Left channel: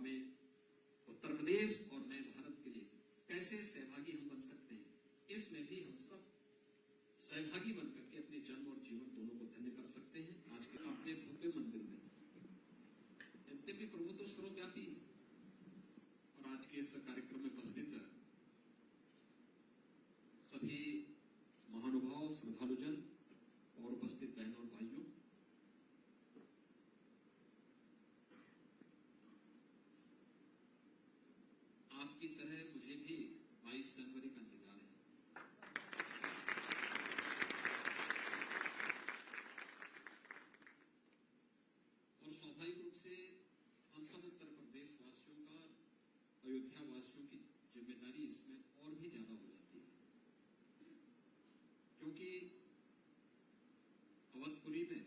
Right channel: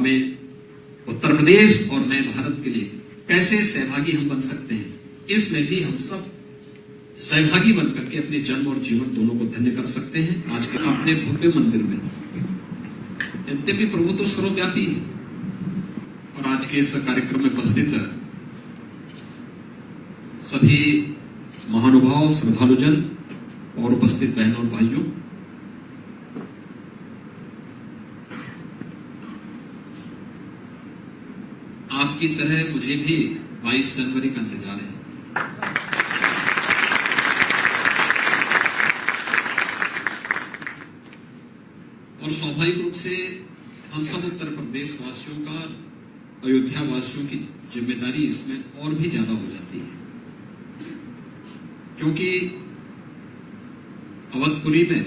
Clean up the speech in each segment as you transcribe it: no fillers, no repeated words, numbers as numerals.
हमें उत्तर प्रदेश और नए भारत के लिए कैसे सहभागी हम बन सकते हैं, इसमें भी हम सब सहभागी बनकर के अपने जन्म और जीवन दोनों को धन्य कर सकते हैं। आज के अपने भव्य मंदिर में यद्यपि प्रभु तो सर्वव्यापी है और आज के इस कार्यक्रम में उपस्थित सभी महानुभाव, श्रद्धालुजन और उपस्थित बहनों और भाइयों, आपकी तरह मुझे भी 22 जनवरी का इंतजार है। और स्वाभाविक रूप से हम सब उत्तर प्रदेश वासियों का, अयोध्या वासियों की जिम्मेदारी इसमें और भी ज्यादा हो जाती है, क्योंकि अवधपुरी में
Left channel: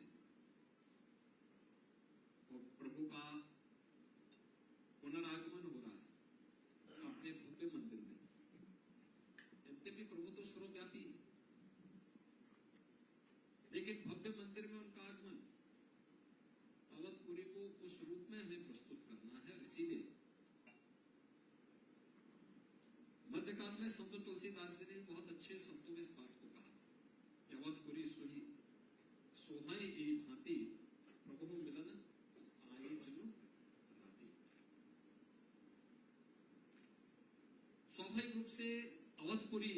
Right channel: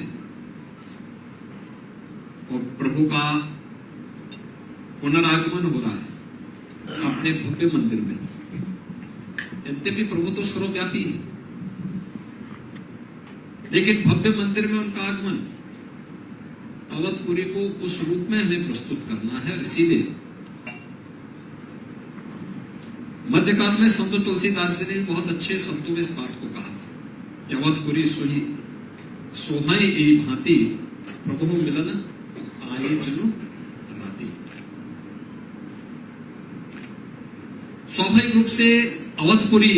और प्रभु का पुनरागमन हो रहा है अपने भव्य मंदिर में। यद्यपि प्रभु तो सर्वव्यापी है, लेकिन भव्य मंदिर में उनका आगमन अवधपुरी को उस रूप में हमें प्रस्तुत करना है। इसीलिए मध्यकाल में संत तुलसीदास जी ने बहुत अच्छे शब्दों में इस बात को कहा था कि अवधपुरी सोहाई ए भांति प्रभु मिलन आए जनु राती। स्वाभाविक रूप से अवधपुरी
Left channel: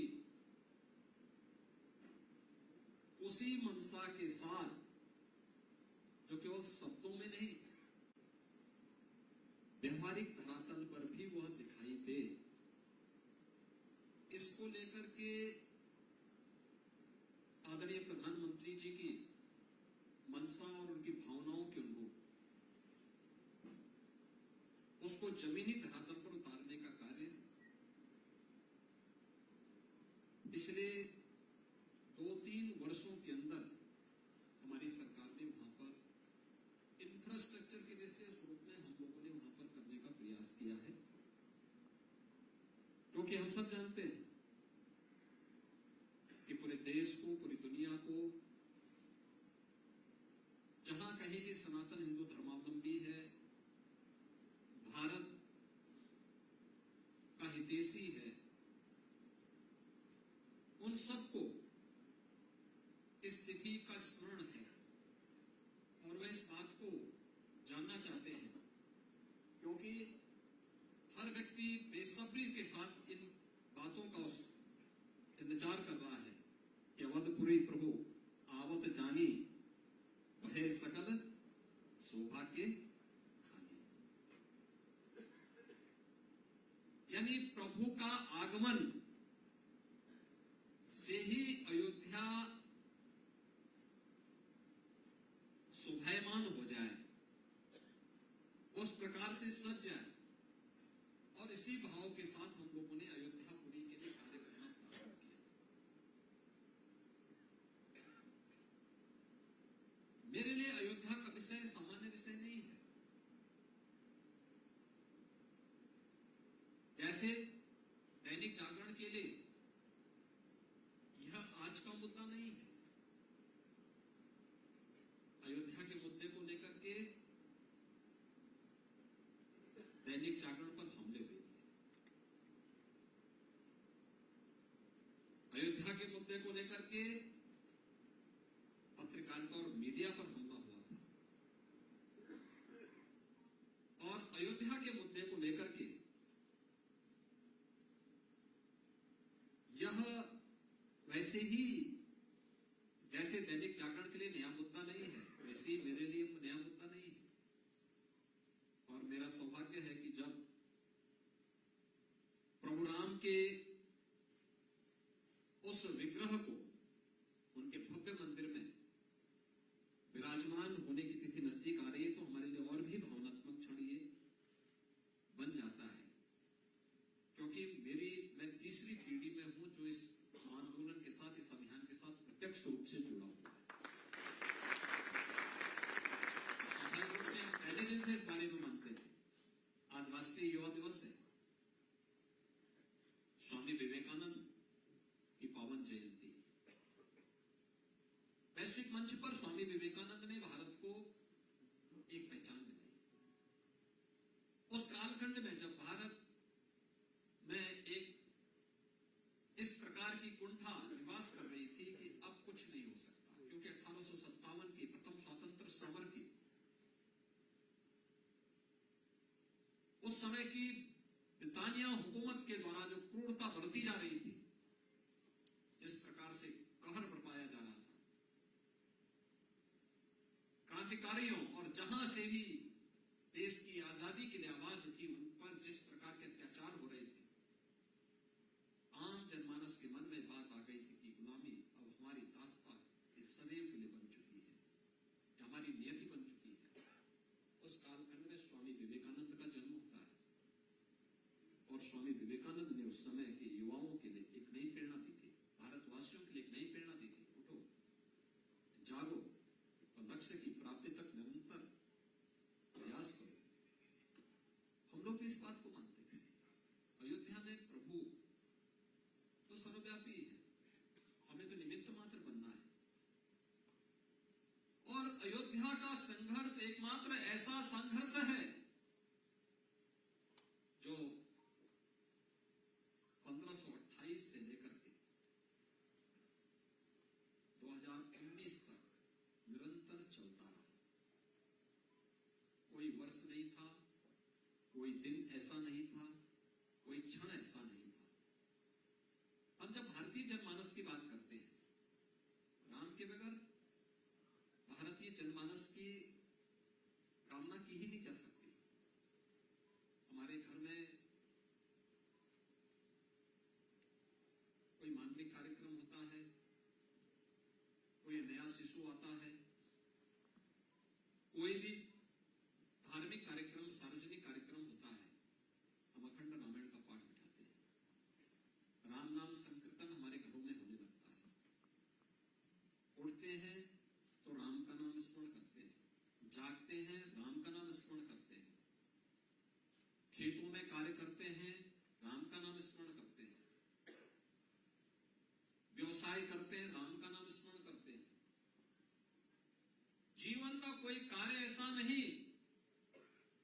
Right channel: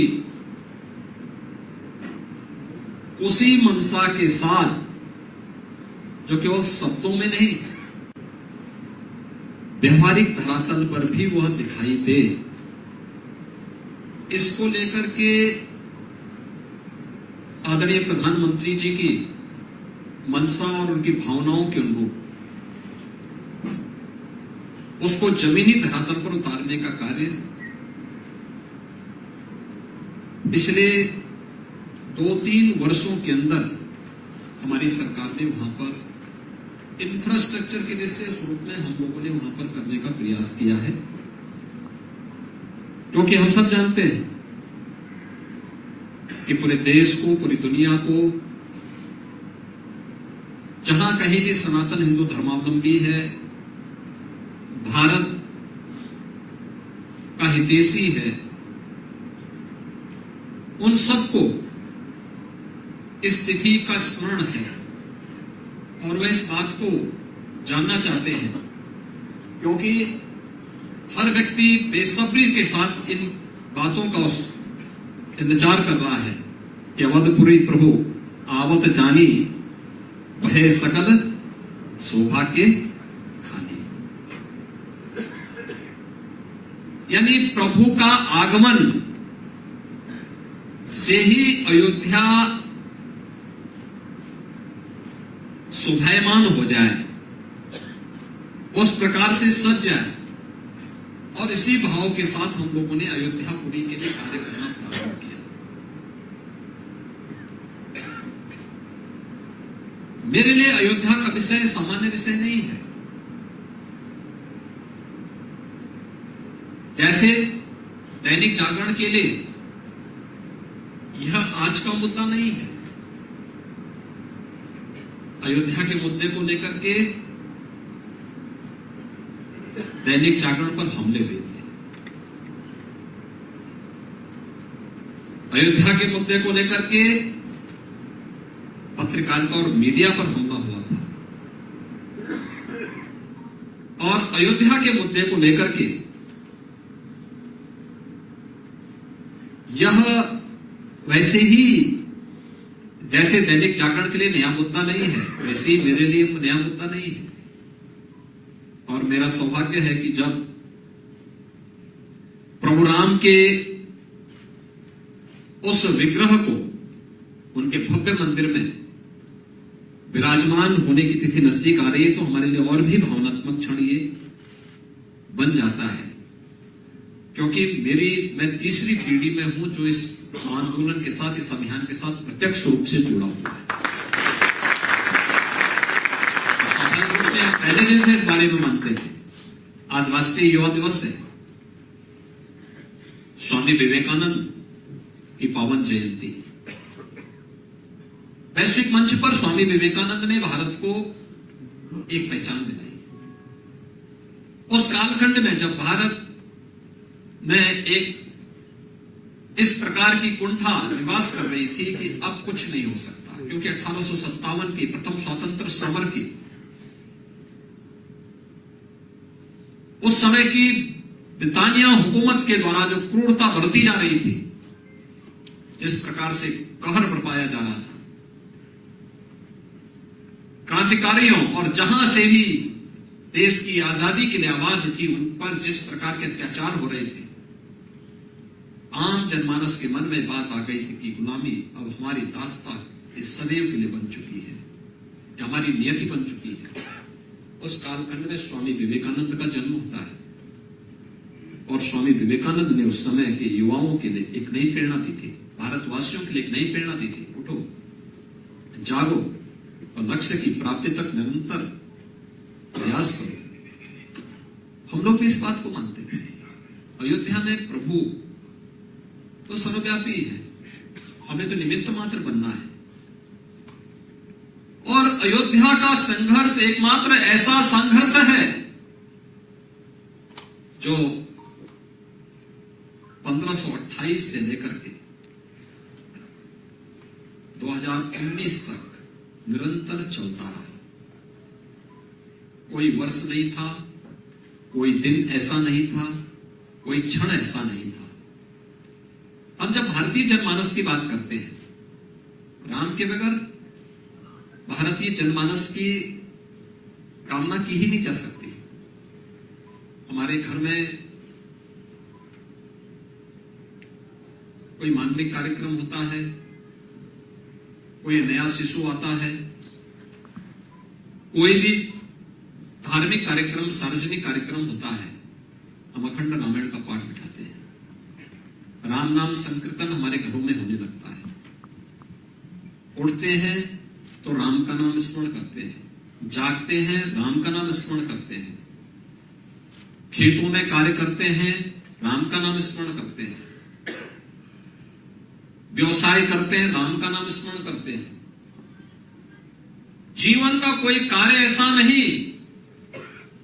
उसी मनसा के साथ, जो केवल शब्दों में नहीं, व्यवहारिक धरातल पर भी वह दिखाई दे, इसको लेकर के आदरणीय प्रधानमंत्री जी की मनसा और उनकी भावनाओं के अनुरूप उसको जमीनी धरातल पर उतारने का कार्य पिछले 2-3 वर्षों के अंदर हमारी सरकार ने वहां पर इंफ्रास्ट्रक्चर के जैसे स्वरूप में हम लोगों ने वहां पर करने का प्रयास किया है। क्योंकि हम सब जानते हैं कि पूरे देश को, पूरी दुनिया को, जहां कहीं भी सनातन हिंदू धर्मावलंबी है, भारत का हितैषी है, उन सबको इस तिथि का स्मरण है और वह इस बात को जानना चाहते हैं, क्योंकि हर व्यक्ति बेसब्री के साथ इन बातों का इंतजार कर रहा है कि अवधपुरी प्रभु आवत जानी वह सकल सौभाग्य खानी। यानी प्रभु का आगमन से ही अयोध्या शोभायमान हो जाए, उस प्रकार से सज जाए, और इसी भाव के साथ हम लोगों ने अयोध्यापुरी के लिए कार्य करना प्रारंभ किया। मेरे लिए अयोध्या का विषय सामान्य विषय नहीं है। जैसे दैनिक जागरण के लिए यह आज का मुद्दा नहीं है। अयोध्या के मुद्दे को लेकर के दैनिक जागरण पर हमले हुए थे। अयोध्या के मुद्दे को लेकर के पत्रकारिता और मीडिया पर हमला हुआ था, और अयोध्या के मुद्दे को लेकर के यह वैसे ही जैसे दैनिक जागरण के लिए नया मुद्दा नहीं है, वैसे ही मेरे लिए नया मुद्दा नहीं है। और मेरा सौभाग्य है कि जब प्रभु राम के उस विग्रह को उनके भव्य मंदिर में विराजमान होने की तिथि नजदीक आ रही है, तो हमारे लिए और भी भावनात्मक क्षण ये बन जाता है, क्योंकि मैं तीसरी पीढ़ी में हूं जो इस आंदोलन के साथ, इस अभियान के साथ प्रत्यक्ष रूप से जुड़ा हुआ है। स्वाभाविक रूप से पहले दिन से इस बारे में मानते थे। आज राष्ट्रीय युवा दिवस है, स्वामी विवेकानंद की पावन जयंती। वैश्विक मंच पर स्वामी विवेकानंद ने भारत को एक पहचान दिलाई। उस कालखंड में जब भारत में एक इस प्रकार की कुंठा निवास कर रही थी कि अब कुछ नहीं हो सकता, क्योंकि 1857 की प्रथम स्वतंत्र समर की उस समय की ब्रिटानिया हुकूमत के द्वारा जो क्रूरता बरती जा रही थी, जिस प्रकार से कहर बरपाया जा रहा था क्रांतिकारियों, और जहां से भी देश की आजादी के लिए आवाज उठी, उन पर जिस प्रकार के अत्याचार हो रहे थे, आम जनमानस के मन में बात आ गई थी कि गुलामी अब हमारी दास्तां इस सदैव के लिए बन चुकी है, या हमारी नियति बन चुकी है। उस कालखंड में स्वामी विवेकानंद का जन्म होता है, और स्वामी विवेकानंद ने उस समय के युवाओं के लिए एक नई प्रेरणा दी थी, भारतवासियों के लिए एक नई प्रेरणा दी थी, उठो, जागो और लक्ष्य की प्राप्ति तक निरंतर प्रयास करो। हम लोग भी इस बात को मानते हैं। अयोध्या में प्रभु तो सर्वव्यापी है, हमें तो निमित्त मात्र बनना है। और अयोध्या का संघर्ष एकमात्र ऐसा संघर्ष है जो 1528 से लेकर के 2019 तक निरंतर चलता रहा। कोई वर्ष नहीं था, कोई दिन ऐसा नहीं था, कोई क्षण ऐसा नहीं था। हम जब भारतीय जनमानस की बात करते हैं, राम के बगैर भारतीय जनमानस की कामना की ही नहीं जा सकती। हमारे घर में कोई मांगलिक कार्यक्रम होता है, कोई नया शिशु आता है, कोई भी धार्मिक कार्यक्रम, सार्वजनिक कार्यक्रम होता है, हम अखंड रामायण का पाठ बिठाते हैं। राम नाम संकीर्तन हमारे घरों में होने लगता है। उठते हैं तो राम का नाम स्मरण करते हैं, जागते हैं राम का नाम स्मरण करते हैं, खेतों में कार्य करते हैं राम का नाम स्मरण करते हैं, व्यवसाय करते हैं राम का नाम स्मरण करते हैं। जीवन का कोई कार्य ऐसा नहीं,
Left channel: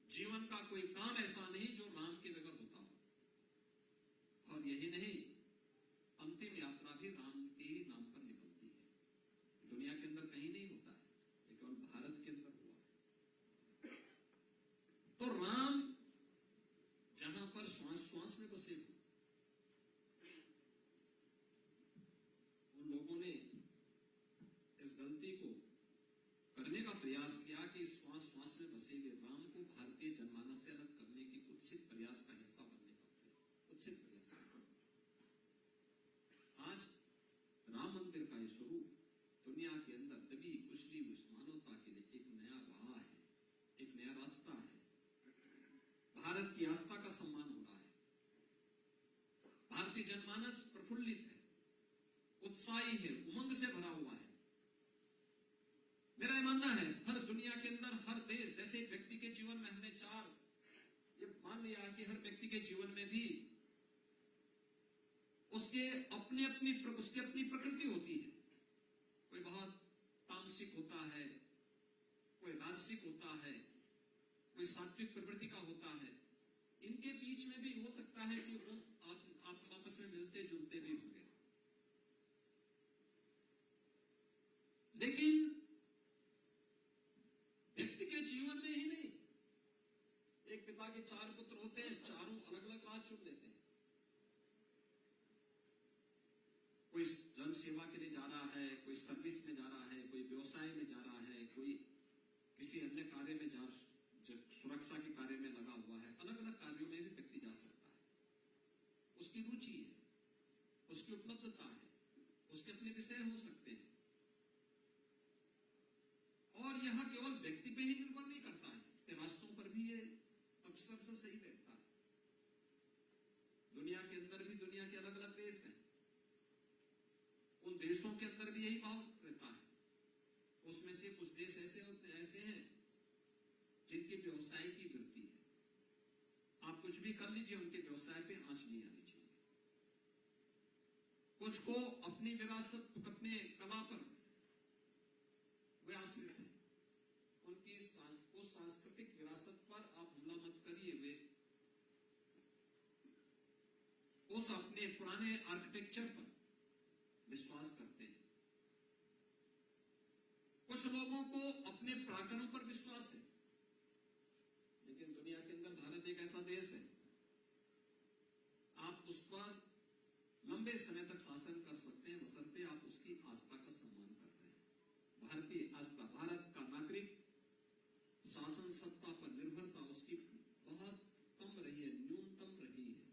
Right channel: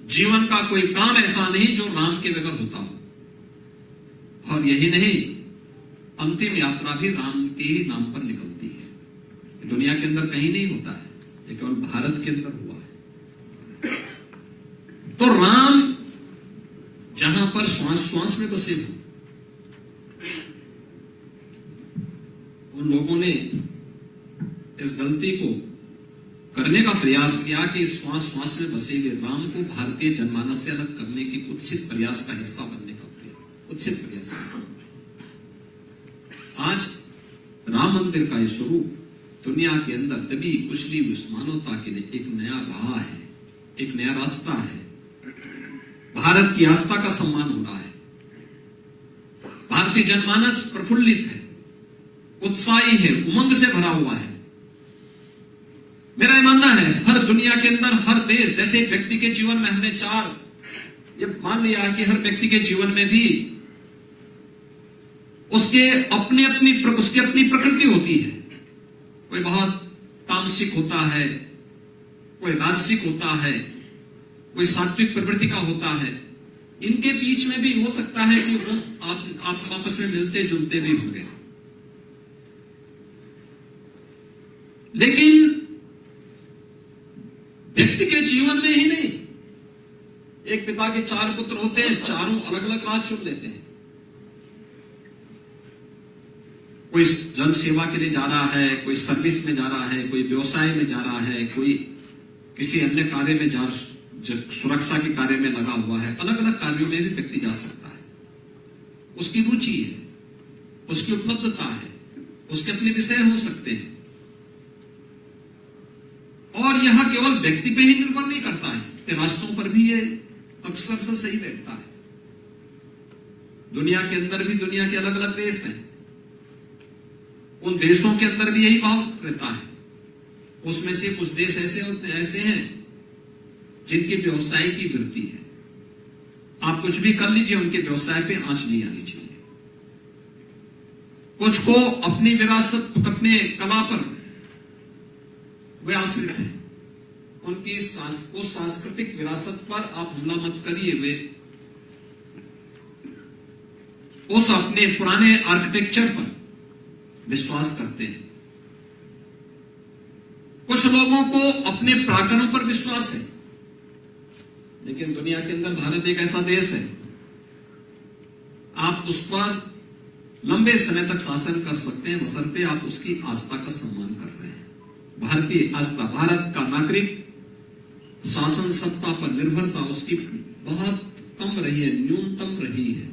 जीवन का कोई काम ऐसा नहीं जो राम के बगैर होता हो। और यही नहीं, अंतिम यात्रा भी राम के ही नाम पर निकलती है। दुनिया के अंदर कहीं नहीं होता है, ये केवल भारत के अंदर हुआ है। तो राम जहां पर श्वास श्वास में बसे हो, उन लोगों ने इस गलती को करने का प्रयास किया कि श्वास श्वास में बसे हुए राम को भारतीय जनमानस से अलग करने की कुत्सित प्रयास का हिस्सा बनने का प्रयास, कुत्सित प्रयास किया। आज राम मंदिर का ये स्वरूप दुनिया के अंदर तभी कुशली उस मानवता के लिए एक नया राह है, एक नया रास्ता है। भारत की आस्था का सम्मान हो रहा है। भारतीय जनमानस प्रफुल्लित है, उत्साही है, उमंग से भरा हुआ है। मेरा ये मानना है, हर दुनिया के अंदर, हर देश, जैसे एक व्यक्ति के जीवन में हमने ये मान लिया कि हर व्यक्ति के जीवन में भी उसकी अपनी प्रकृति होती है। कोई बहुत तामसिक होता है, कोई राजसिक होता है, कोई सात्विक प्रवृत्ति का होता है। इनके बीच में भी हो सकता है कि आप आपस में मिलते जुलते भी होंगे, लेकिन व्यक्ति के जीवन में ही नहीं। एक पिता के 4 पुत्र होते हैं, चारों अलग अलग राह चुन लेते हैं। कोई जन सेवा के लिए जा रहा है, कोई सर्विस में जा रहा है, कोई व्यवसाय में जा रहा है, कोई किसी अन्य कार्य में सुरक्षा के कार्य में लगा हुआ है। अलग अलग कार्यों में भी व्यक्ति जा सकता है। उसकी रुचि है, उसकी उपलब्धता है, उसके अपने विषय हो सकते हैं। और यह केवल व्यक्ति पे ही निर्भर नहीं करता है, कि राष्ट्रों पर भी ये अक्सर से सही बैठता है। दुनिया के अंदर भी दुनिया के अलग अलग देश हैं, उन देशों के अंदर भी यही भाव रहता है। उसमें से कुछ देश ऐसे हैं जिनकी व्यवसाय की वृत्ति है। आप कुछ भी कर लीजिए, उनके व्यवसाय पे आंच नहीं आनी चाहिए। कुछ को अपनी विरासत, अपने कला पर वे आश्रित हैं, उनकी उस सांस्कृतिक विरासत पर आप हमला मत करिए। वे उस अपने पुराने आर्किटेक्चर पर विश्वास करते हैं। कुछ लोगों को अपने पराक्रम पर विश्वास है, लेकिन दुनिया के अंदर भारत एक ऐसा देश है, आप उस पर लंबे समय तक शासन कर सकते हैं बशर्ते आप उसकी आस्था का सम्मान कर रहे हैं। भारतीय आस्था, भारत का नागरिक शासन सत्ता पर निर्भरता उसकी बहुत कम रही है, न्यूनतम रही है।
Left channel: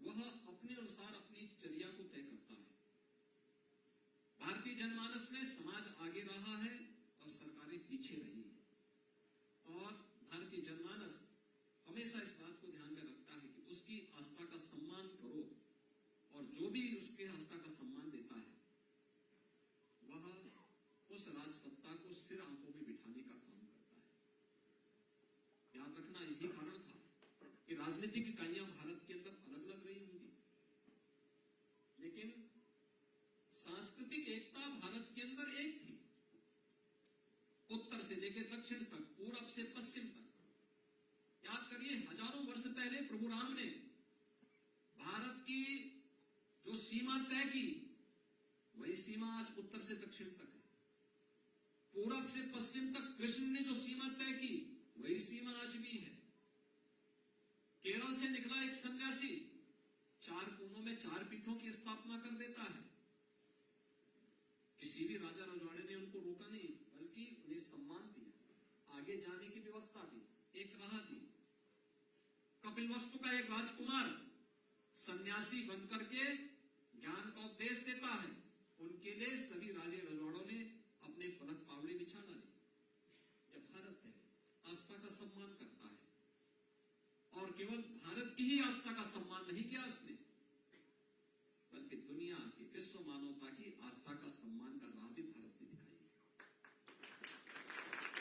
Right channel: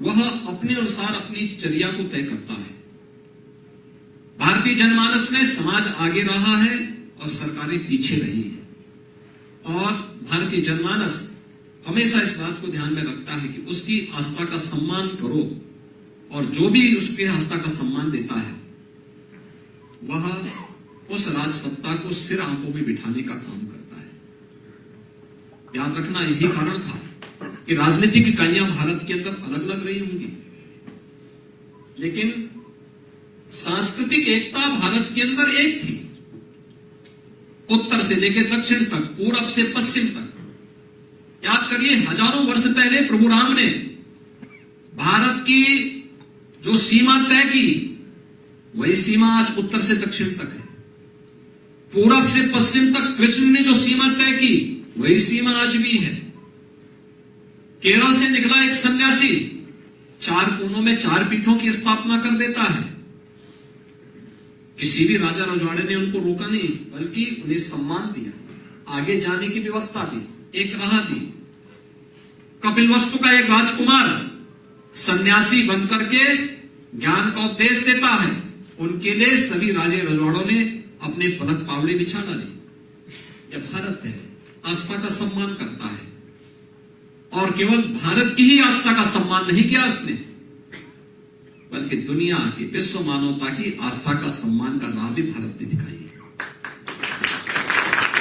वह अपने अनुसार अपनी चर्या को तय करता है। भारतीय जनमानस में समाज आगे रहा है और सरकारें पीछे रही है, और भारतीय जनमानस हमेशा इस बात को ध्यान में रखता है कि उसकी आस्था का सम्मान करो, और जो भी उसके आस्था का सम्मान देता है वह उस राज सत्ता को सिर आंखों में बिठाने का काम करता है। याद रखना, यही कारण था कि राजनीतिक इकाइयां भारत के अंदर अलग अलग रही होंगी, लेकिन सांस्कृतिक एकता भारत के अंदर एक थी। उत्तर से लेकर दक्षिण तक, पूरब से पश्चिम तक। याद करिए, हजारों वर्ष पहले प्रभु राम ने भारत की जो सीमा तय की, वही सीमा आज उत्तर से दक्षिण तक है। पूरब से पश्चिम तक कृष्ण ने जो सीमा तय की, वही सीमा आज भी है। केरल से निकला एक सन्यासी 4 कोनों में 4 पीठों की स्थापना कर देता है। किसी भी राजा रजवाड़े ने उनको रोका नहीं, बल्कि उन्हें सम्मान दिया, आगे जाने की व्यवस्था दी, एक राह दी। कपिलवस्तु का एक राजकुमार सन्यासी बनकर के ज्ञान का उपदेश देता है, उनके लिए सभी राजे रजवाड़ों ने अपने पलक पावड़े बिछा डाले। यह भारत है, आस्था का सम्मान करता है, और केवल भारत की ही आस्था का सम्मान नहीं किया उसने, बल्कि दुनिया की, विश्व मानवता की आस्था का सम्मान का राह भी भारत ने दिखाई है।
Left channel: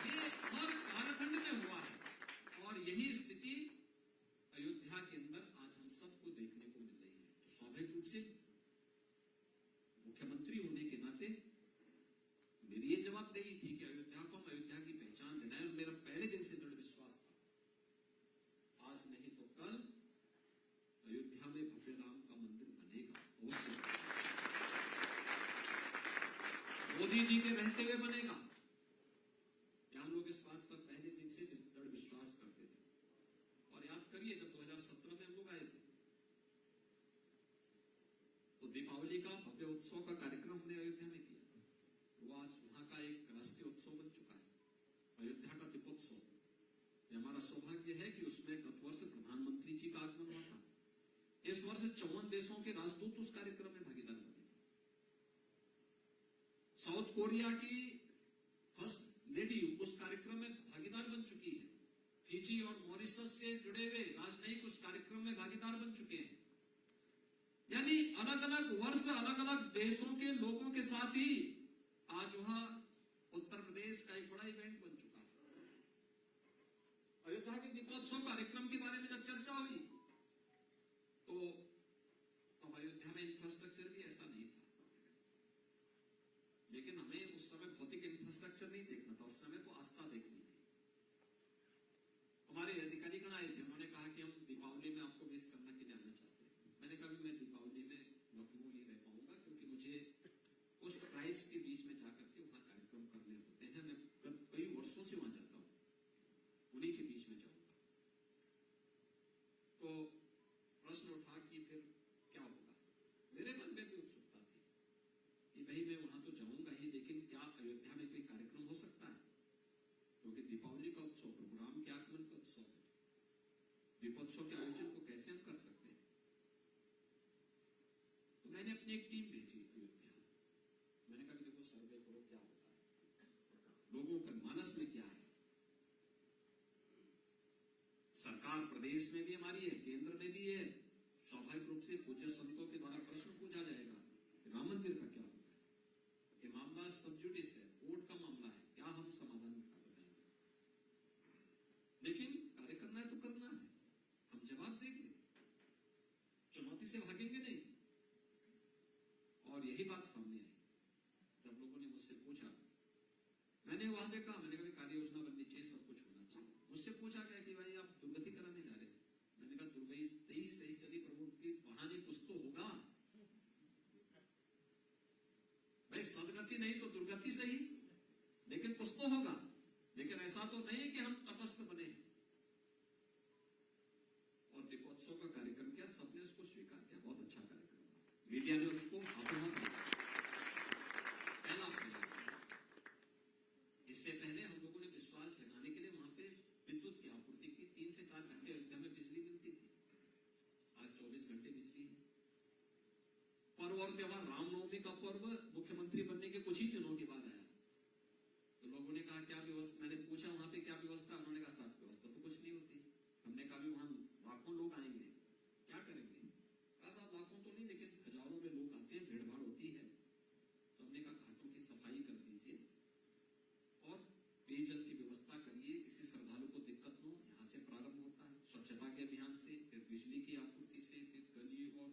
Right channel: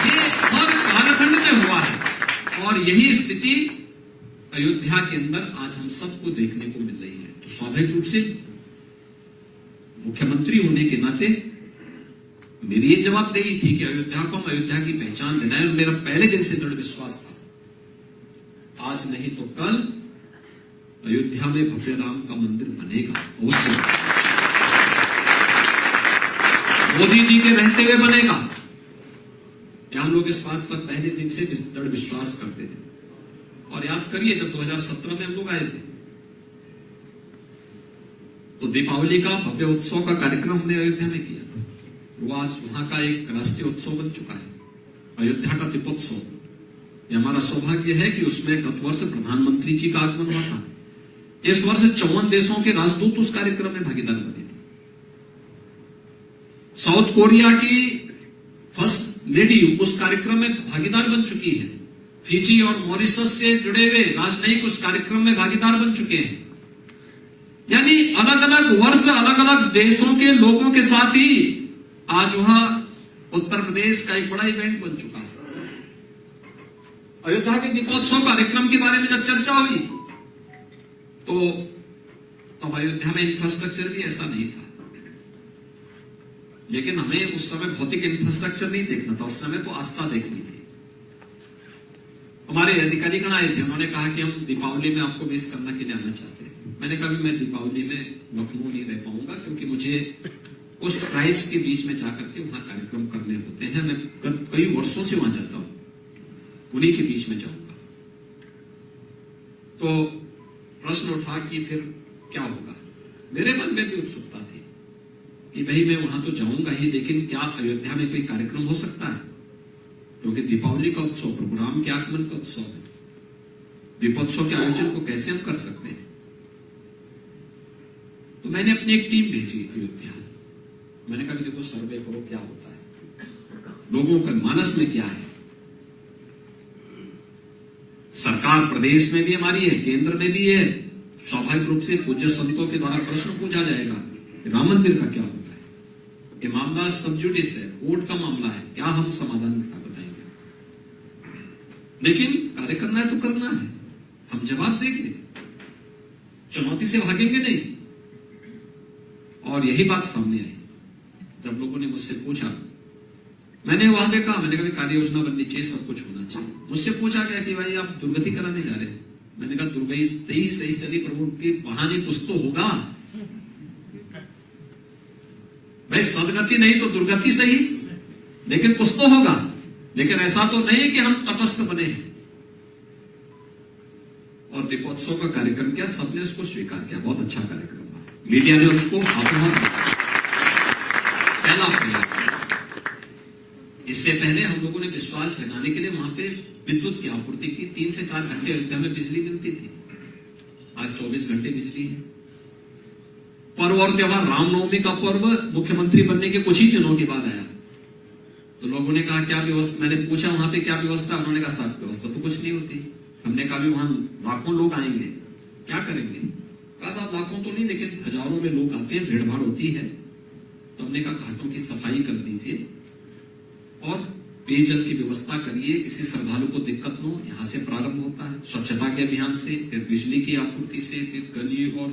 ये हर कालखंड में हुआ है, और यही स्थिति अयोध्या के अंदर आज हम सबको देखने को मिल रही है। तो स्वाभाविक रूप से मुख्यमंत्री होने के नाते मेरी ये जवाबदेही थी कि अयोध्या को हम अयोध्या की पहचान दिलाएं, और मेरा पहले दिन से दृढ़ विश्वास था, आज नहीं तो कल अयोध्या में भव्य राम का मंदिर बनेगा। अवश्य मोदी जी के रहते हुए बनेगा। हम लोग इस बात पर पहले दिन से दृढ़ विश्वास करते थे। और याद करिए, जब 2017 में हम लोग आए थे, तो दीपावली का भव्य उत्सव का कार्यक्रम हमने अयोध्या में किया था। वो आज वहां का एक राष्ट्रीय उत्सव बन चुका है, अयोध्या का दीपोत्सव। ये हमारा सौभाग्य है कि उसमें गत वर्ष प्रधानमंत्री जी का आगमन हुआ था। इस वर्ष 54 देशों के राजदूत उस कार्यक्रम में भागीदार बने थे। साउथ कोरिया की फर्स्ट लेडी उस कार्यक्रम में भागीदार बन चुकी है। फिजी और मॉरिशस से जुड़े हुए राजनयिक उस कार्यक्रम में भागीदार बन चुके हैं। यानी अलग अलग वर्ष, अलग अलग देशों के लोगों के साथ ही आज वहां उत्तर प्रदेश का एक बड़ा इवेंट बन चुका है। अयोध्या के दीपोत्सव कार्यक्रम के बारे में जब चर्चा हुई, तो तब अयोध्या में इंफ्रास्ट्रक्चर भी ऐसा नहीं था। लेकिन हमें उस समय भौतिक इंफ्रास्ट्रक्चर नहीं देखना था, उस समय तो आस्था देखनी थी। हमारे अधिकारीगण आए थे, उन्होंने कहा कि हम दीपावली में आपको मिस करने के लिए आना चाहते हैं। मैंने कहा मैं दीपावली में लखनऊ नहीं रह पाऊंगा, क्योंकि मुझे उस ट्राइब्स के बीच में जाकर के वहां कार्यक्रम करने होते हैं। मैं कई वर्षों से वहां जाता हूं, उन्हीं के बीच में जाऊंगा। तो प्रश्न उठा कि फिर क्या होगा। मेरे मन में भी उत्सुकता थी कि भाई मैं वहां तो जाऊंगा ही, लेकिन क्या अयोध्या में कोई कार्यक्रम हो सकता है? क्योंकि दीपावली का उत्सव प्रभु राम के आगमन का उत्सव है। दीपोत्सव के आयोजन को कैसे हम कर सकते हैं? तो मैंने अपनी एक टीम भेजी अयोध्या। मैंने कहा देखो, सर्वे करो क्या होता है, लोगों के मानस में क्या है। सरकार प्रदेश में भी हमारी है, केंद्र में भी है। स्वाभाविक रूप से पूज्य संतों के द्वारा प्रश्न पूछा जाएगा, राम मंदिर का क्या होगा। ये मामला सब जुडिस है, कोर्ट का मामला है, क्या हम समाधान का बताएंगे। लेकिन कार्य करना है तो करना है, हम जवाब देंगे, चुनौती से भागेंगे नहीं। और यही बात सामने आई जब लोगों ने मुझसे पूछा मैंने वहां पे कहा, मैंने कहा कार्य योजना बननी चाहिए, सब कुछ होना चाहिए। मुझसे पूछा गया कि भाई आप दुर्गति कराने जा रहे हैं? मैंने कहा दुर्गति सही चली प्रभु के बहाने कुछ तो होगा भाई, सदगति नहीं तो दुर्गति सही, लेकिन कुछ तो होगा। लेकिन ऐसा तो नहीं कि हम तटस्थ बने हैं। और दीपोत्सव का कार्यक्रम किया, सबने उसको स्वीकार किया, बहुत अच्छा कार्यक्रम था, मीडिया ने उसको हाथों पहला प्रयास। इससे पहले हम लोगों ने विश्वास जगाने के लिए वहां पे विद्युत की आपूर्ति की, 3 से 4 घंटे अयोध्या में बिजली मिलती थी, आज 24 घंटे बिजली है। पर्व और त्योहार, रामनवमी का पर्व मुख्यमंत्री बनने के कुछ ही दिनों के बाद आया, तो लोगों ने कहा क्या व्यवस्था, मैंने पूछा वहां पे क्या व्यवस्था, उन्होंने कहा साहब व्यवस्था तो कुछ नहीं होती। हमने कहा भी वहां लाखों लोग आएंगे, क्या करेंगे? कहा साहब लाखों तो नहीं, लेकिन हजारों में लोग आते हैं, भीड़ भाड़ होती है। तो हमने कहा घाटों की सफाई कर दीजिए और पेयजल की व्यवस्था करिए, किसी श्रद्धालु को दिक्कत न हो। यहां से प्रारंभ होता है, स्वच्छता के अभियान से, फिर बिजली की आपूर्ति से, फिर गली और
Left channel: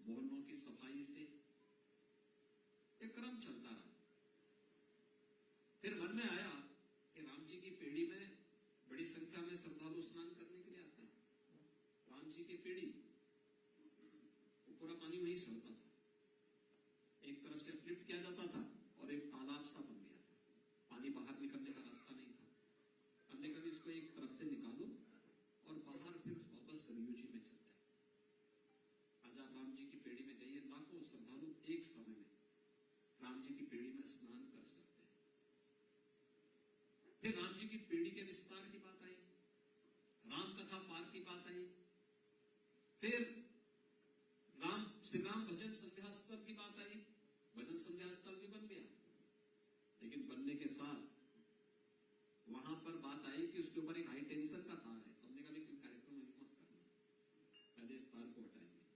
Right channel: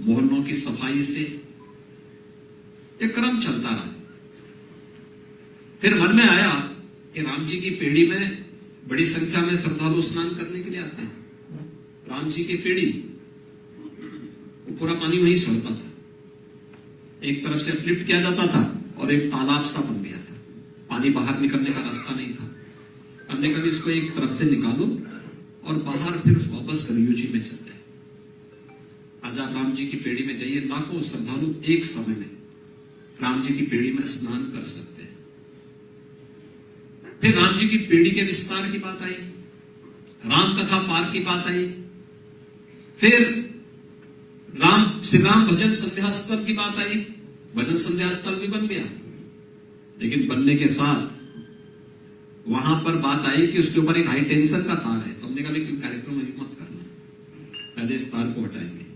मोहल्लों की सफाई से, एक क्रम चलता रहा। फिर मन में आया कि राम जी की पेड़ी में बड़ी संख्या में श्रद्धालु स्नान करने के लिए आते हैं। राम जी की पेड़ी, वो पूरा पानी वहीं सड़ता था, एक तरफ से अपलिफ्ट किया जाता था और एक तालाब सा बन गया था, पानी बाहर निकलने का रास्ता नहीं था। हमने कभी इसको एक तरफ से निकालो और बाहर फिर वापस सरयू जी में चल जाए। आज आप राम जी की पेड़ी में जाइए, लाखों श्रद्धालु एक समय में राम जी की पेड़ी में स्नान कर सकते हैं। फिर राम जी की पेड़ी के विस्तार की बात आई, राम कथा पार्क की बात आई, फिर श्री राम भजन संध्या स्थल की बात आई। भजन संध्या स्थल भी बन गया, लेकिन बनने के साथ वहां पर बात आई कि उसके ऊपर एक हाई टेंशन का तार है। तो हमने कहा कि कार्यक्रम अभी मत करना, पहले इस तार को हटाएंगे।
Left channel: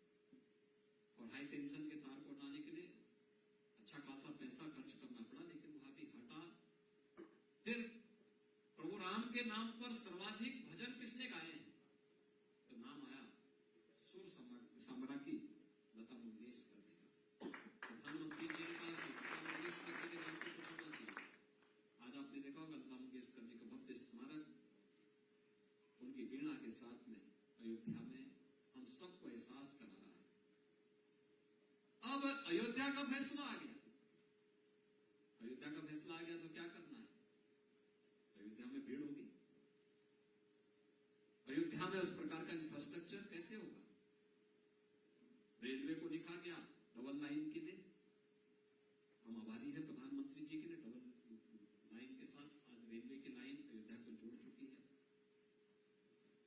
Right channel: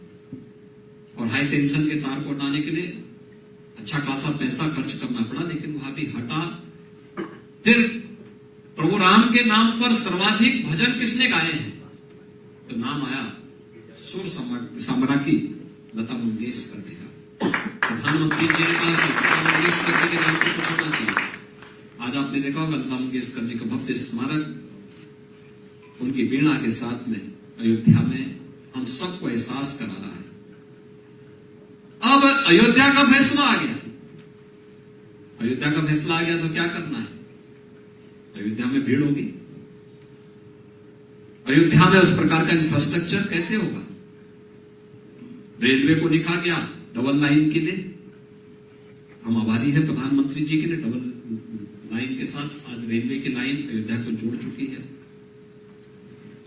और हाई टेंशन के तार को हटाने के लिए अच्छा खासा पैसा खर्च करना पड़ा, लेकिन वहां भी हटा। फिर प्रभु राम के नाम पर सर्वाधिक भजन किसने गाए हैं? तो नाम आया सुर सम्राज्ञी लता मंगेशकर जी का। प्रधानमंत्री जी ने कहा कि लता मंगेशकर जी के नाम पर कुछ होना चाहिए। आज आपने देखा होगा लता मंगेशकर जी का भव्य स्मारक उनकी वीणा के साथ में अयोध्या में हम सबको एहसास करा रहा है। अब अयोध्या का फैसला आ गया, अयोध्या का फैसला आ गया तो क्या करना है? अयोध्या में भीड़ होगी, अयोध्या में उस प्रकार का इंफ्रास्ट्रक्चर कैसे होगा? रेलवे को लिखा गया डबल लाइन के लिए, हम आभारी हैं प्रधानमंत्री जी के लिए, डबल लाइन के साथ आज रेलवे की लाइन अयोध्या को जोड़ चुकी है।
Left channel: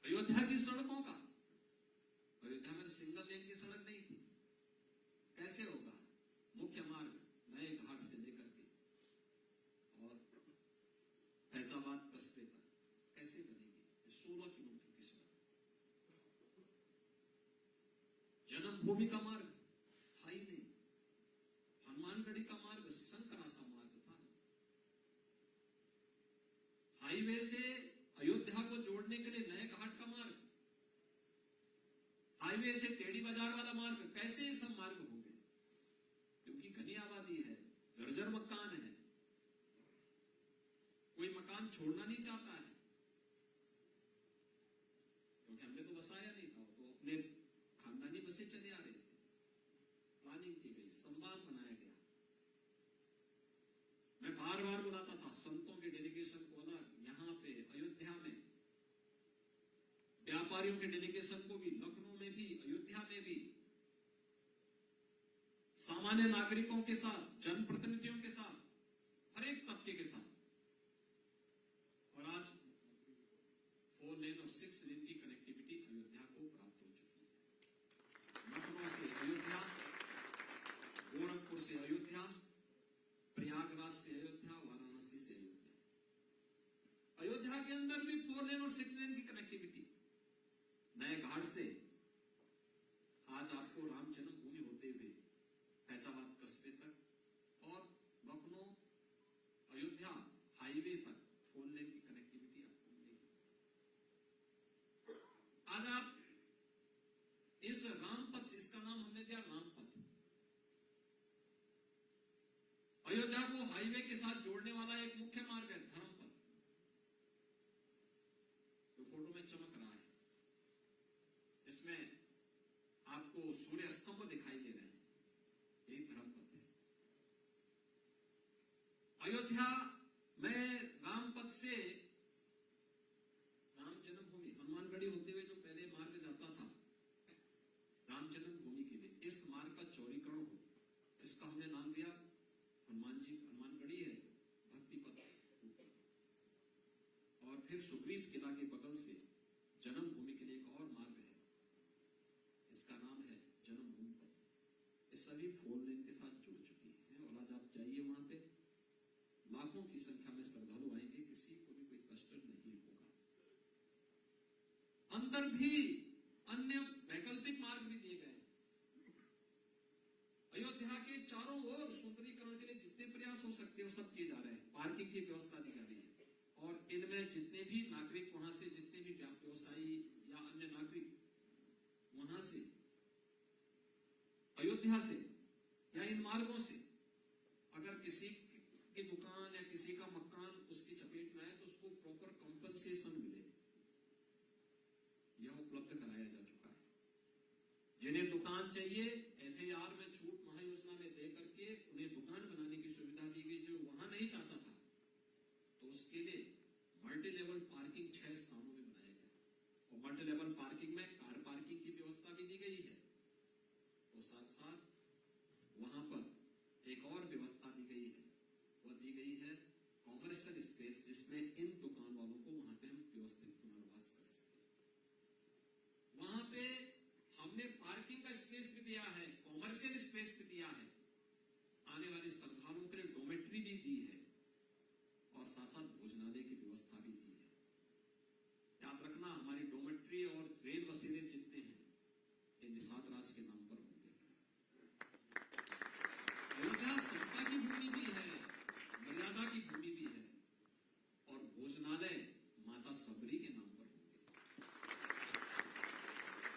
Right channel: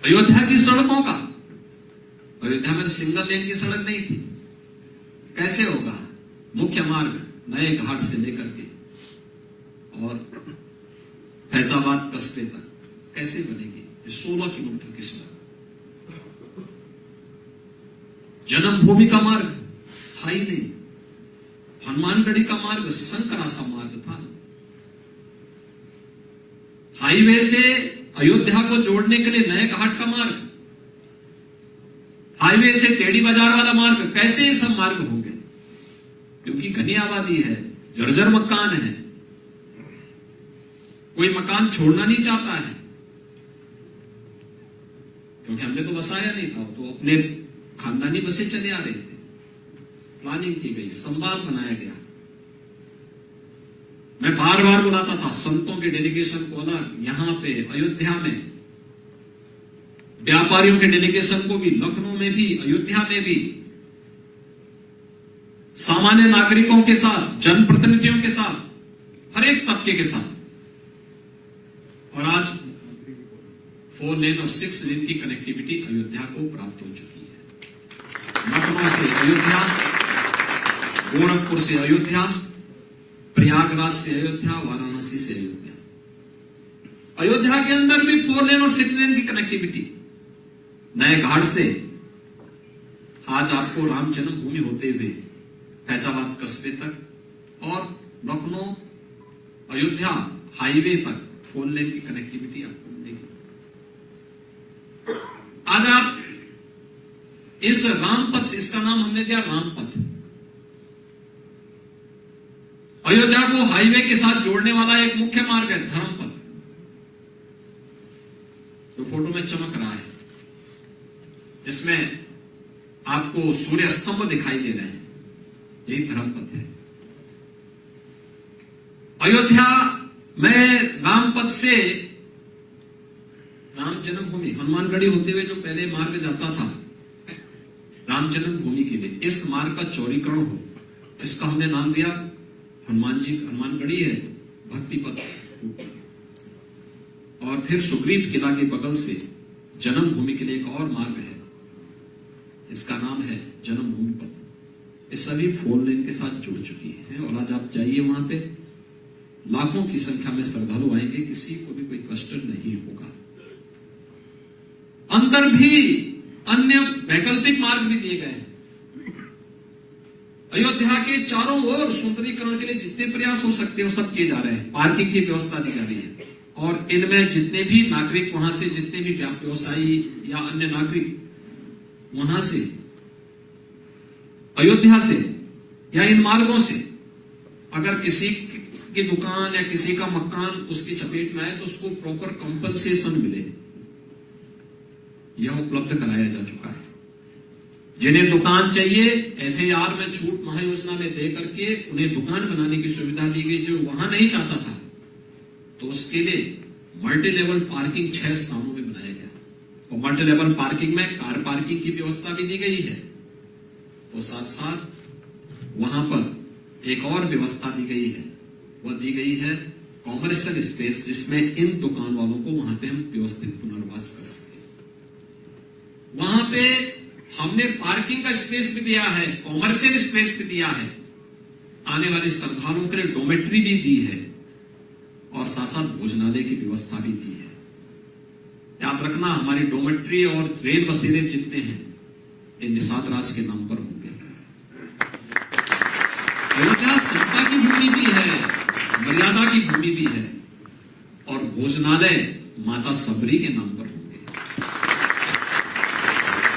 अयोध्या की सड़कों का, अयोध्या में तो सिंगल लेन की सड़क नहीं थी, कैसे होगा? मुख्य मार्ग नए घाट से लेकर के और फैजाबाद कस्बे तक कैसे बनेगी? 16 किलोमीटर की सड़क। जन्मभूमि का मार्ग था ही नहीं, हनुमानगढ़ी का मार्ग संकरा सा मार्ग था। हाईवे से अयोध्या को जोड़ने के लिए नए घाट का मार्ग, हाईवे से टेढ़ी बाजार वाला मार्ग, कैसे ये सब मार्ग होंगे? क्योंकि घनी आबादी है, जर्जर मकान है, कोई मकान छोड़ना नहीं चाहता है, क्योंकि हमने तो बसाया नहीं था, तो अपने खानदानी बसे चले आ रहे थे। प्लानिंग की गई, संवाद बनाया गया। मैं बार बार बुलाता था संतों के डेलीगेशन को अलग, यहां पे अयोध्या में व्यापारियों के डेलीगेशन को भी, लखनऊ में भी, अयोध्या में भी, सामान्य नागरिकों के साथ, जनप्रतिनिधियों के साथ, हर एक तबके के साथ। और आज 4 लेन और 6 लेन की कनेक्टिविटी अयोध्या को प्राप्त हो चुकी है। लखनऊ से अयोध्या, गोरखपुर से अयोध्या, प्रयागराज से अयोध्या, वाराणसी से अयोध्या। अयोध्या के अंदर भी 4 लेन और 6 लेन की कनेक्टिविटी, नए घाट से आज आपको राम जन्मभूमि होते हुए फैजाबाद कस्बे तक और लखनऊ अयोध्या हाईवे तक 4 लेन की कनेक्टिविटी आपको मिलेगी। आज आप इस रामपथ, इसका नाम हमने दिया रामपथ। अयोध्या को हाईवे के साथ जोड़ने वाला एक मुख्य मार्ग है धर्मपथ, जो फोटो में चमक रहा है, जिसमें आपको सूर्य स्तंभ दिखाई दे रहे हैं, यही धर्मपथ है। अयोध्या में रामपथ से राम जन्मभूमि हनुमानगढ़ी होते हुए जो पहले मार्ग जाता था राम जन्मभूमि के लिए, इस मार्ग का चौड़ीकरण हो, इसका हमने नाम दिया हनुमानगढ़ी है भक्ति पथ। और फिर सुग्रीव किला के बगल से जन्मभूमि के लिए एक और मार्ग है, इसका नाम है जन्मभूमि पथ। ये सभी 4 लेन के साथ जुड़ चुकी है और आज आप जाइए वहां पे लाखों की संख्या में श्रद्धालु आएंगे, किसी को भी कोई कष्ट नहीं होगा। अंदर भी अन्य वैकल्पिक मार्ग भी दिए गए हैं। अयोध्या के चारों ओर सुंदरीकरण के लिए जितने प्रयास हो सकते हैं वो सब किए जा रहे हैं। पार्किंग की व्यवस्था दी जा रही है और इनमें जितने भी नागरिक वहां से, जितने भी व्यवसायी या अन्य नागरिक वहां से, अयोध्या से या इन मार्गों से अगर किसी की दुकान या किसी का मकान उसकी चपेट में आए तो उसको प्रॉपर कंपनसेशन मिले, यह उपलब्ध कराया जा चुका है। जिन्हें दुकान चाहिए FAR में छूट महायोजना में दे करके उन्हें दुकान बनाने की सुविधा दी गई। जो वहां नहीं चाहता था तो उसके लिए मल्टी लेवल पार्किंग 6 स्थानों में बनाया गया और मल्टी लेवल पार्किंग में कार पार्किंग की व्यवस्था भी दी गई है। तो साथ साथ वहां पर एक और व्यवस्था दी गई है, वह दी गई है कॉमर्शियल स्पेस, जिसमें इन दुकान वालों को वहां पे हम व्यवस्थित पुनर्वास कर सके। वहां पे हमने पार्किंग का स्पेस भी दिया है, कॉमर्शियल स्पेस भी दिया है, आने वाले श्रद्धालुओं के लिए डोमेट्री भी दी है और साथ साथ भोजनालय की व्यवस्था भी दी है। याद रखना, हमारी डोमेट्री और रेल बसेरे जितने हैं ये निषाद राज के नाम पर होंगे। अयोध्या समता की भूमि भी है, मर्यादा की भूमि भी है और भोजनालय माता सबरी के नाम पर होंगे।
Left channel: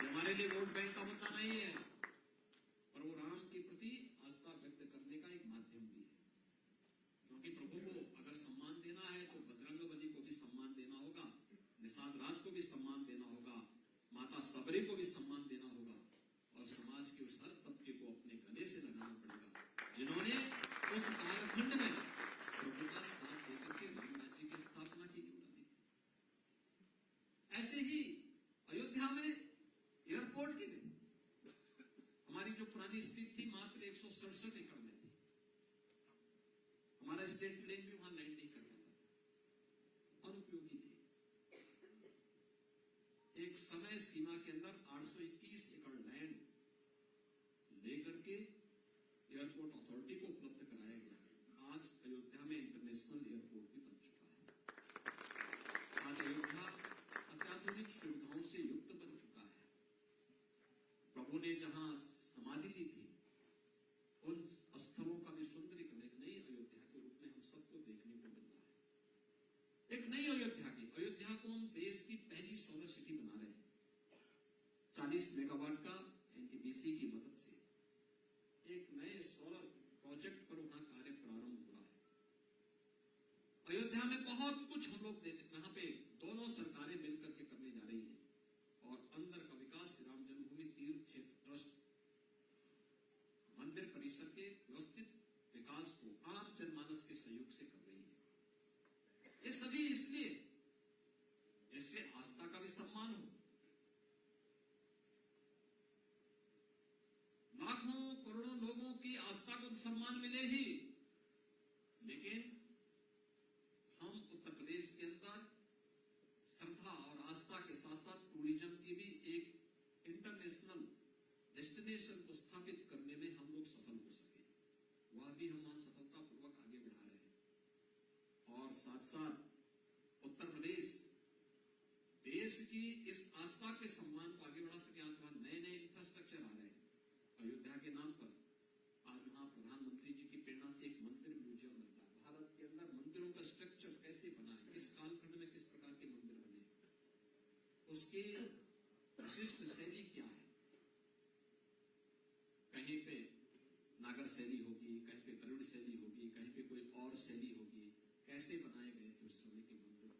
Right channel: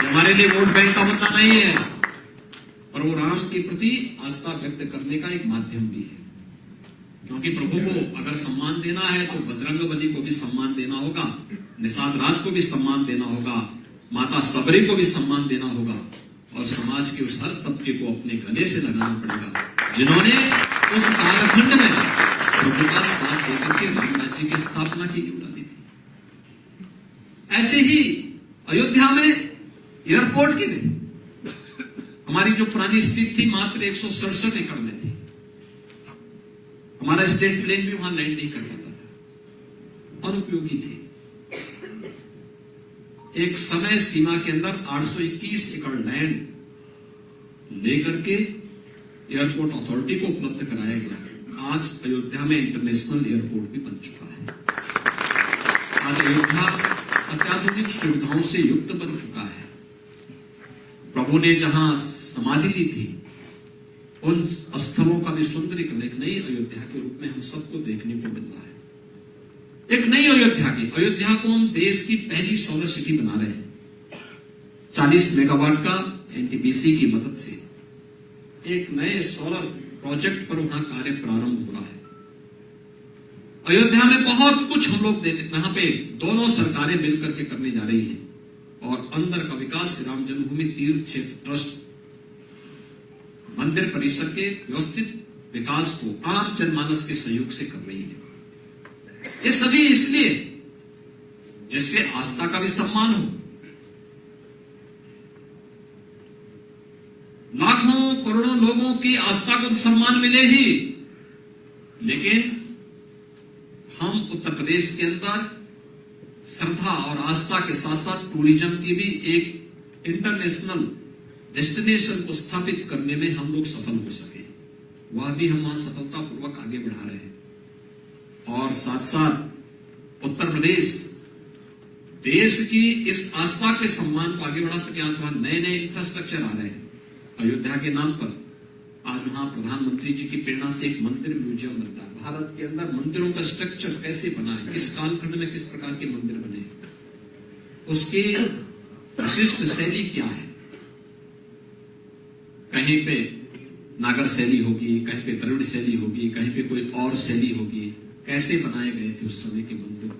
हमारे लिए वोट बैंक का मुद्दा नहीं है, पर वो राम के प्रति आस्था व्यक्त करने का एक माध्यम भी है। क्योंकि प्रभु को अगर सम्मान देना है तो बजरंगबली को भी सम्मान देना होगा, निषाद राज को भी सम्मान देना होगा, माता सबरी को भी सम्मान देना होगा और समाज के उस हर तबके को अपने गले से लगाना पड़ेगा जिन्होंने उस कालखंड में प्रभु का साथ देकर के राम राज्य की स्थापना की योजना दी थी। ऐसे ही अयोध्या में एयरपोर्ट के लिए हमारी जो पुरानी स्थिति थी मात्र 167 एकड़ में थी। हमारा स्टेट प्लेन भी वहां लैंड नहीं कर पाता था, अनुपयोगी थी। एक समय सीमा के अंदर 821 एकड़ लैंड लेकर के एयरपोर्ट अथॉरिटी को उपलब्ध कराया गया। आज अयोध्या में इंटरनेशनल एयरपोर्ट भी बन चुका है। आज अयोध्या अत्याधुनिक सुविधाओं से युक्त बन चुका है। प्रभु ने जहां समाधि ली थी उन स्थलों का भी सुंदरीकरण एक नई अयोध्या के रूप में हम सबको देखने को मिल रहा है। एक नई अयोध्या को हम देश की पहली सोलर सिटी बना रहे हैं। 40 मेगावाट का NTPC की मदद से एक नए सोलर प्रोजेक्ट पर वहां कार्य प्रारंभ हो रहा है। अयोध्या में बहुत कुछ हम लोग यहां पे दोनों सरकारें मिलकर के करने जा रही हैं और अंदर का विकास श्री राम जन्मभूमि तीर्थ क्षेत्र ट्रस्ट मंदिर परिसर के व्यवस्थित विकास को आम जनमानस के सहयोग से कर रही है। ये सभी इसलिए जिससे आस्था का भी सम्मान हो। लाखों करोड़ों लोगों की आस्था को सम्मान मिले ही, लेकिन हम उत्तर प्रदेश के अंदर श्रद्धा और आस्था के साथ साथ टूरिज्म की भी एक इंटरनेशनल डेस्टिनेशन को स्थापित करने में हम लोग सफल हो सके, वह भी हम वहां सफलतापूर्वक आगे बढ़ा रहे हैं। और साथ साथ उत्तर प्रदेश देश की इस आस्था के सम्मान को आगे बढ़ा सके। आज वहां नए नए इंफ्रास्ट्रक्चर आ रहे हैं अयोध्या के नाम पर। आज वहां प्रधानमंत्री जी की प्रेरणा से एक मंदिर म्यूजियम बन रहा है। भारत के अंदर मंदिरों का स्ट्रक्चर कैसे बना है, किस कालखंड में किस प्रकार के मंदिर बने, उसकी विशिष्ट शैली क्या है। कहीं पे नागर शैली होगी, कहीं पे द्रविड़ शैली होगी, कहीं पे कोई और शैली होगी। कैसे बनाए गए थे उस समय के मंदिर,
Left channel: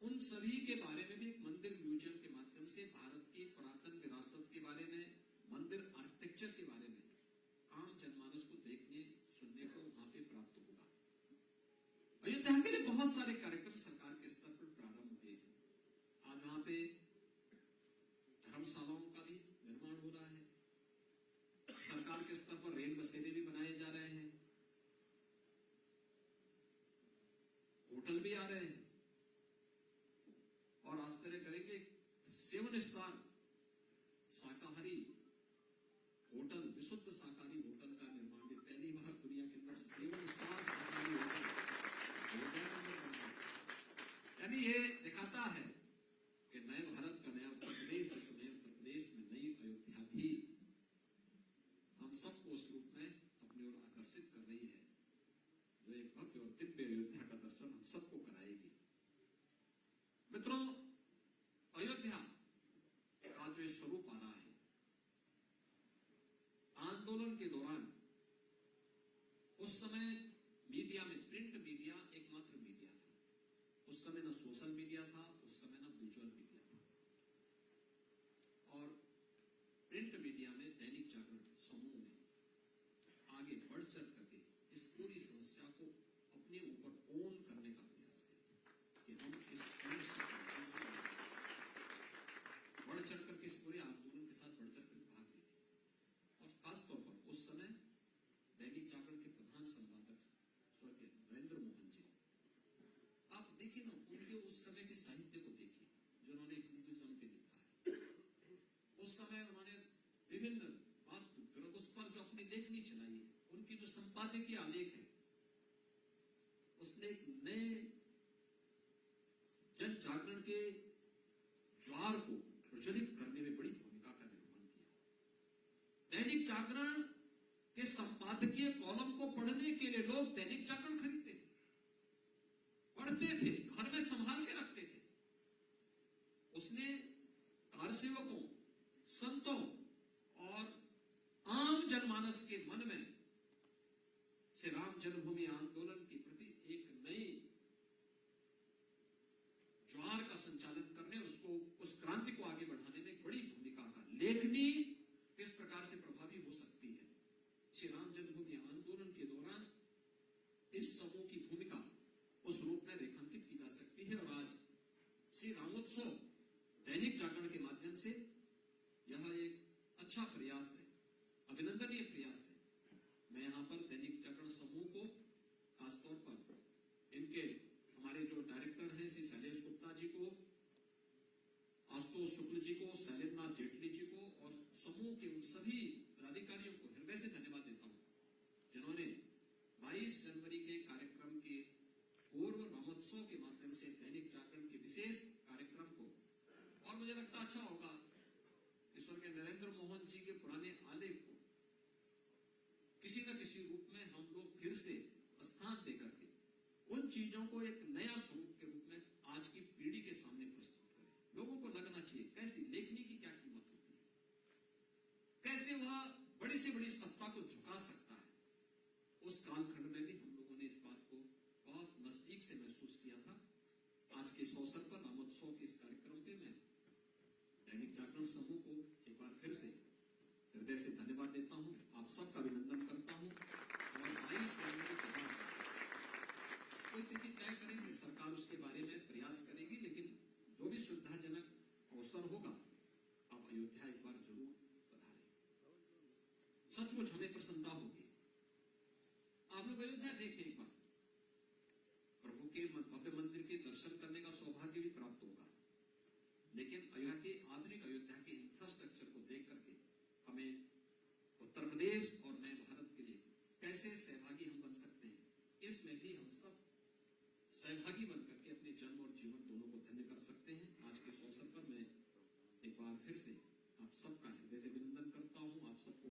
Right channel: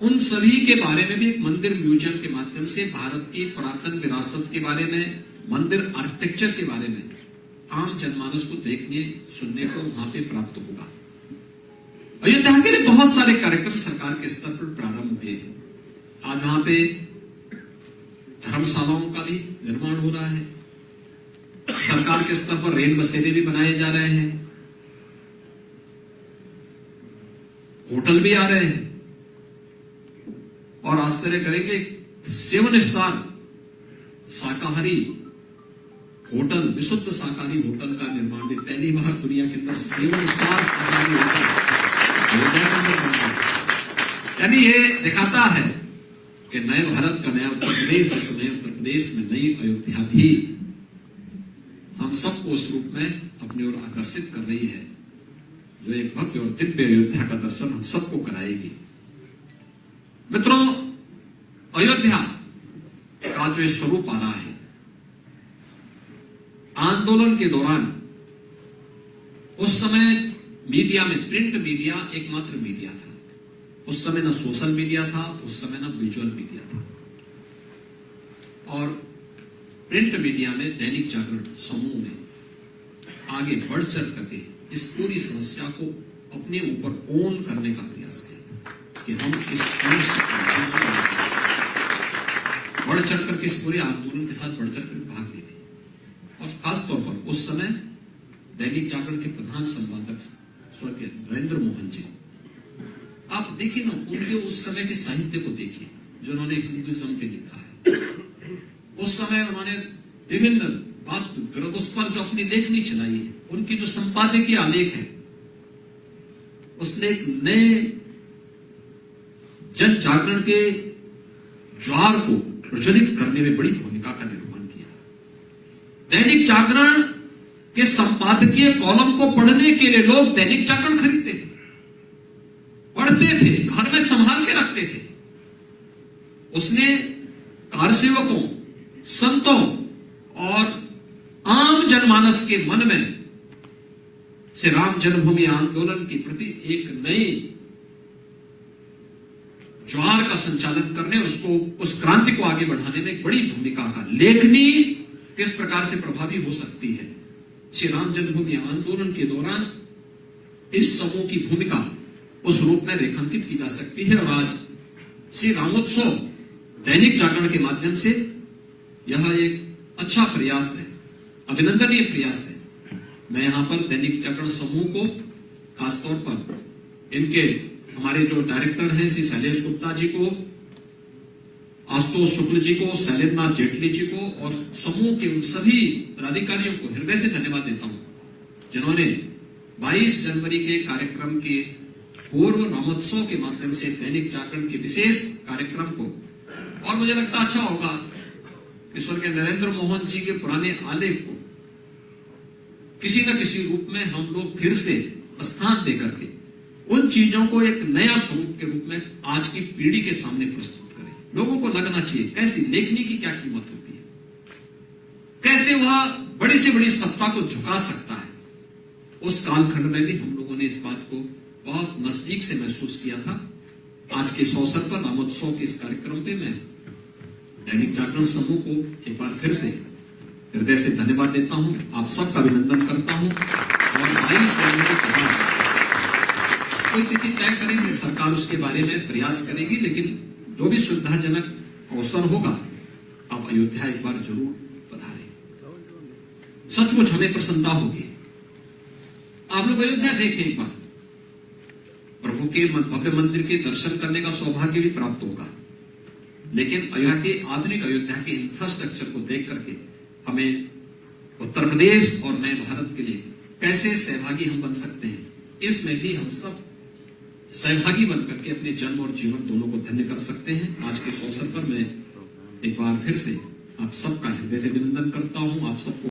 उन सभी के बारे में भी एक मंदिर म्यूजियम के माध्यम से भारत की पुरातन विरासत के बारे में, मंदिर आर्किटेक्चर के बारे में आम जनमानस को देखने सुनने को वहां पे प्राप्त होगा। अयोध्या के लिए बहुत सारे कार्यक्रम सरकार के स्तर पर प्रारंभ हुए। आज वहां पे धर्मशालाओं का भी निर्माण हो रहा है, सरकार के स्तर पर रेल बसेरे भी बनाए जा रहे हैं, होटल भी आ रहे हैं, और आश्चर्य करेंगे 7 स्टार शाकाहारी होटल, विशुद्ध शाकाहारी होटल का निर्माण भी पहली बार दुनिया के अंदर 7 स्टार शाकाहारी होटल अयोध्या के अंदर बना है। यानी ये दिखाता है कि नए भारत का नया उत्तर प्रदेश है, तो नए उत्तर प्रदेश में नई अयोध्या भी हम सबको उस रूप में अपनी ओर आकर्षित कर रही है, जो एक भव्य और दिव्य अयोध्या का दर्शन हम सबको कराएगी। मित्रों, अयोध्या का जो स्वरूप आ रहा है, आंदोलन के दौरान उस समय मीडिया में, प्रिंट मीडिया एकमात्र मीडिया था। उस समय न सोशल मीडिया था, उस समय न विजुअल मीडिया था, और प्रिंट मीडिया में दैनिक जागरण समूह ने आगे बढ़ चढ़ करके इस पूरी समस्या को अपने ऊपर ओन करने का प्रयास किया कि हम इस बढ़ चढ़ करके इस पूरे आंदोलन के साथ बढ़ चढ़ कर भाग लेते। और खासतौर पर उस समय दैनिक जागरण के प्रधान संपादक स्वर्गीय नरेंद्र मोहन जी, आप देखिए ना, उनके उस समय के साहित्य को देखिए जो उन्होंने हिंदुइज्म पे लिखा है। उस समय उन्होंने विभिन्न बात उस पर जो अपनी लेखनी चलाई है, उनकी जो संपादकीय आलेख है, उसने एक नए जन जागरण के ज्वार को प्रज्वलित करने में बड़ी भूमिका का निर्माण किया। दैनिक जागरण के संपादकीय कॉलम को पढ़ने के लिए लोग दैनिक जागरण खरीदते थे, पढ़ते थे, घर में संभाल के रखते थे। उसने कारसेवकों, संतों और आम जनमानस के मन में श्री राम जन्मभूमि आंदोलन के प्रति एक नई ज्वार का संचालन करने, उसको, उस क्रांति को आगे बढ़ाने में बड़ी भूमिका का, लेखनी किस प्रकार से प्रभावी हो सकती है, श्री राम जन्मभूमि आंदोलन के दौरान इस समूह की भूमिका उस रूप में रेखांकित की जा सकती है। और आज श्री रामोत्सव दैनिक जागरण के माध्यम से यह एक अच्छा प्रयास है, अभिनंदनीय प्रयास है। मैं यहां पर दैनिक जागरण समूह को, खासतौर पर इनके हमारे जो डायरेक्टर हैं श्री शैलेश गुप्ता जी को, आशुतोष शुक्ल जी को, शैलेंद्रनाथ जेटली जी को, और समूह के उन सभी पदाधिकारियों को हृदय से धन्यवाद देता हूं, जिन्होंने 22 जनवरी के कार्यक्रम के पूर्व रामोत्सव के माध्यम से दैनिक जागरण के विशेष कार्यक्रम को, और मुझे लगता अच्छा होगा ईश्वर के नरेंद्र मोहन जी के पुराने आलेख को किसी न किसी रूप में हम लोग फिर से स्थान देकर के उन चीजों को एक नया स्वरूप के रूप में आज की पीढ़ी के सामने प्रस्तुत करें। लोगों को लगना चाहिए कैसी लेखनी की क्या कीमत होती है, कैसे वह बड़ी से बड़ी सत्ता को झुका सकता है। उस कालखंड में भी हम लोगों ने इस बात को बहुत नजदीक से महसूस किया था। आज के इस अवसर पर रामोत्सव के इस कार्यक्रम पे मैं दैनिक जागरण समूह को एक बार फिर से हृदय से धन्यवाद देता हूं, आप सबका अभिनंदन करता हूं। और 22 जनवरी के बाद कोई तिथि तय करेंगे, सरकार उसके बारे में प्रयास करेगी, लेकिन जो भी सुविधाजनक अवसर होगा, आप अयोध्या एक बार जरूर पधारें। सचमुच हमें प्रसन्नता होगी। आप लोग अयोध्या देखें एक बार, प्रभु के भव्य मंदिर के दर्शन करने का सौभाग्य भी प्राप्त होगा, लेकिन अयोध्या के आधुनिक अयोध्या के इंफ्रास्ट्रक्चर को देख करके हमें उत्तर प्रदेश और नए भारत के लिए कैसे सहभागी हम बन सकते हैं, इसमें भी हम सब सहभागी बनकर के अपने जन्म और जीवन दोनों को धन्य कर सकते हैं। आज के इस अवसर पर मैं एक बार फिर से आप सबका हृदय से अभिनंदन करता हूं। आप सबको